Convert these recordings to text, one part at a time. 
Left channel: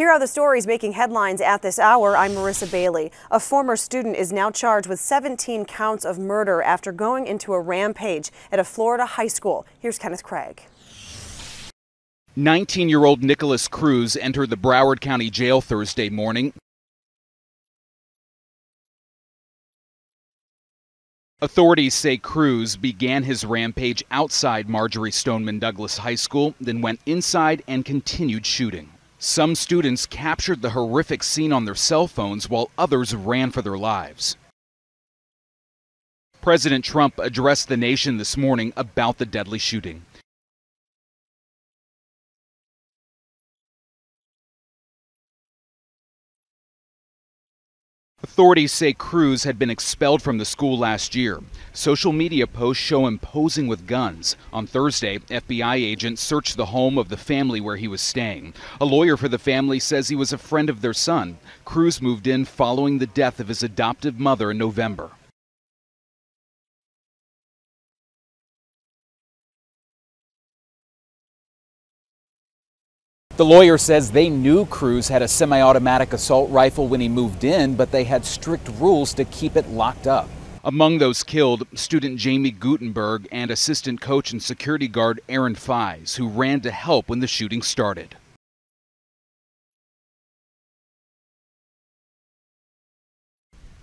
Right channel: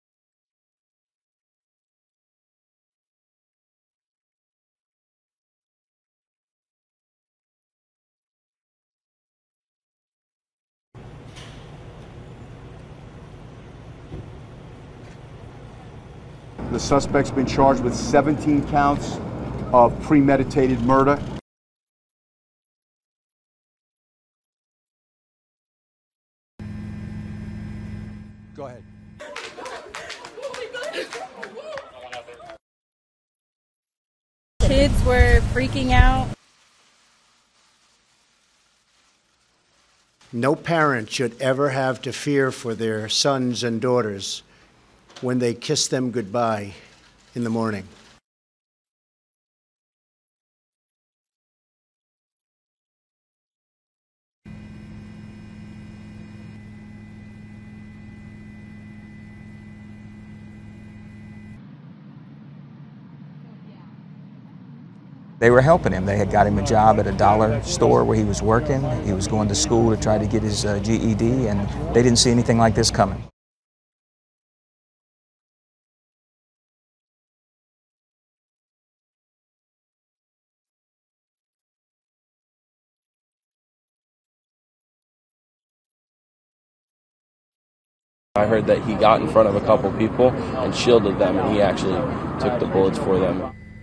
Here are the stories making headlines at this hour. I'm Marissa Bailey. A former student is now charged with 17 counts of murder after going into a rampage at a Florida high school. Here's Kenneth Craig. 19-year-old Nicholas Cruz entered the Broward County Jail Thursday morning. The suspect's been charged with 17 counts of premeditated murder. Authorities say Cruz began his rampage outside Marjorie Stoneman Douglas High School, then went inside and continued shooting. Some students captured the horrific scene on their cell phones while others ran for their lives. Kids were freaking out. President Trump addressed the nation this morning about the deadly shooting. No parent should ever have to fear for their sons and daughters when they kiss them goodbye in the morning. Authorities say Cruz had been expelled from the school last year. Social media posts show him posing with guns. On Thursday, FBI agents searched the home of the family where he was staying. A lawyer for the family says he was a friend of their son. Cruz moved in following the death of his adoptive mother in November. They were helping him. They had got him a job at a dollar store where he was working. He was going to school to try to get his GED, and they didn't see anything like this coming. The lawyer says they knew Cruz had a semi-automatic assault rifle when he moved in, but they had strict rules to keep it locked up. Among those killed, student Jamie Gutenberg and assistant coach and security guard Aaron Fies, who ran to help when the shooting started. I heard that he got in front of a couple people and shielded them, and he actually took the bullets for them.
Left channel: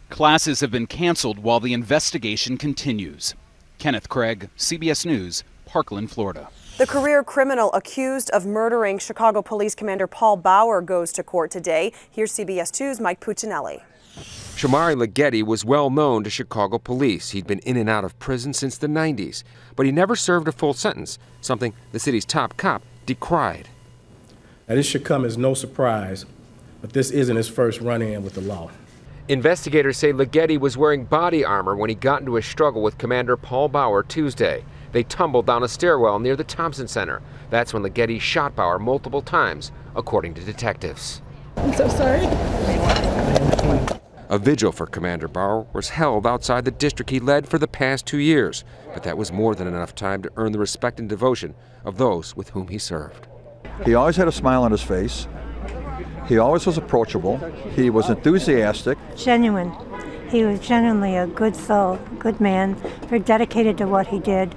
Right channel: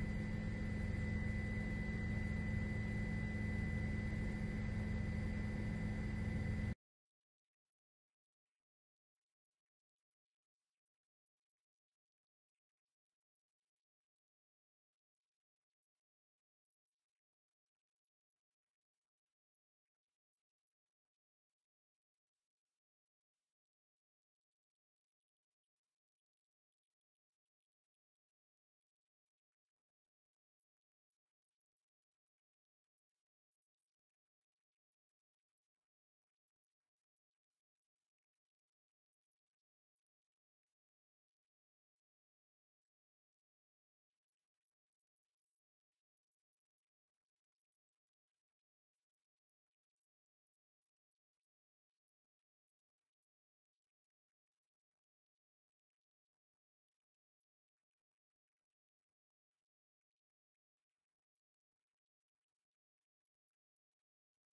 Classes have been canceled while the investigation continues. Kenneth Craig, CBS News, Parkland, Florida. The career criminal accused of murdering Chicago Police Commander Paul Bauer goes to court today. Here's CBS 2's Mike Puccinelli. Shamari Leggetti was well known to Chicago police. He'd been in and out of prison since the 90s, but he never served a full sentence, something the city's top cop decried. Now, this should come as no surprise, but this isn't his first run-in with the law. Investigators say Leggetti was wearing body armor when he got into a struggle with Commander Paul Bauer Tuesday. They tumbled down a stairwell near the Thompson Center. That's when Leggetti shot Bauer multiple times, according to detectives. I'm so sorry. A vigil for Commander Bauer was held outside the district he led for the past 2 years, but that was more than enough time to earn the respect and devotion of those with whom he served. He always had a smile on his face. He always was approachable. He was enthusiastic. Genuine. He was genuinely a good soul, good man, very dedicated to what he did.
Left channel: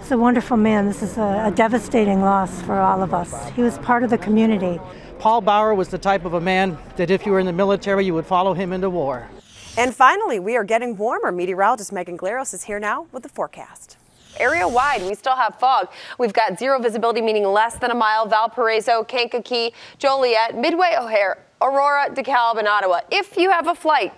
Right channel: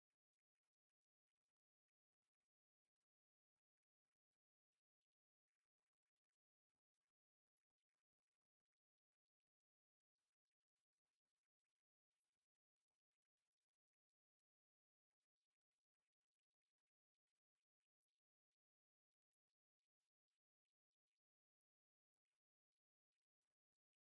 He's a wonderful man. This is a devastating loss for all of us. He was part of the community. Paul Bauer was the type of a man that if you were in the military, you would follow him into war. And finally, we are getting warmer. Meteorologist Megan Glaros is here now with the forecast. Area-wide, we still have fog. We've got zero visibility, meaning less than a mile. Valparaiso, Kankakee, Joliet, Midway, O'Hare, Aurora, DeKalb, and Ottawa. If you have a flight,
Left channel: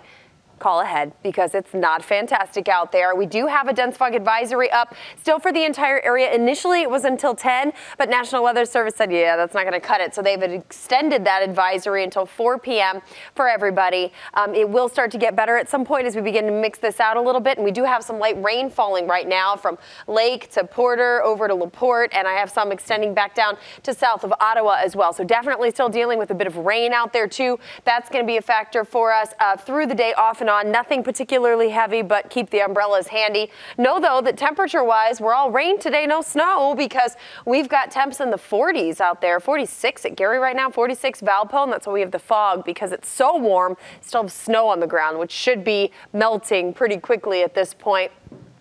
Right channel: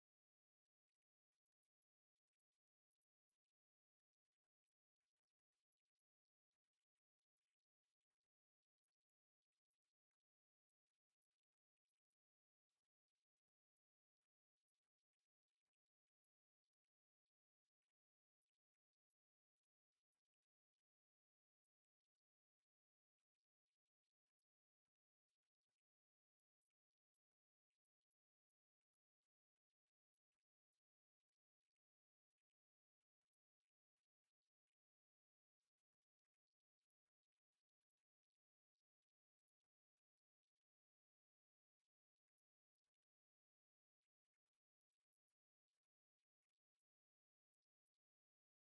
call ahead because it's not fantastic out there. We do have a dense fog advisory up still for the entire area. Initially, it was until 10, but National Weather Service said, yeah, that's not going to cut it. So they've extended that advisory until 4 p.m. for everybody. It will start to get better at some point as we begin to mix this out a little bit. And we do have some light rain falling right now from Lake to Porter over to LaPorte. And I have some extending back down to south of Ottawa as well. So definitely still dealing with a bit of rain out there, too. That's going to be a factor for us through the day off and on. Nothing particularly heavy, but keep the umbrellas handy. Know, though, that temperature-wise, we're all rain today, no snow, because we've got temps in the 40s out there. 46 at Gary right now, 46 Valpo, and that's why we have the fog, because it's so warm. Still have snow on the ground, which should be melting pretty quickly at this point.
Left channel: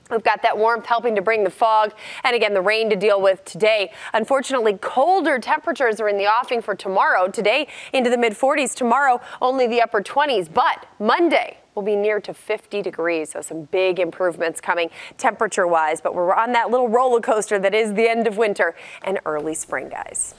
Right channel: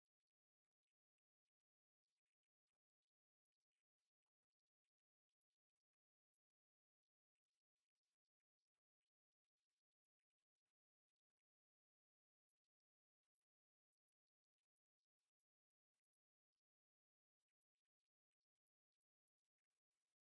We've got that warmth helping to bring the fog and, again, the rain to deal with today. Unfortunately, colder temperatures are in the offing for tomorrow. Today into the mid-40s. Tomorrow, only the upper 20s. But Monday will be near to 50 degrees. So some big improvements coming temperature-wise. But we're on that little roller coaster that is the end of winter and early spring, guys.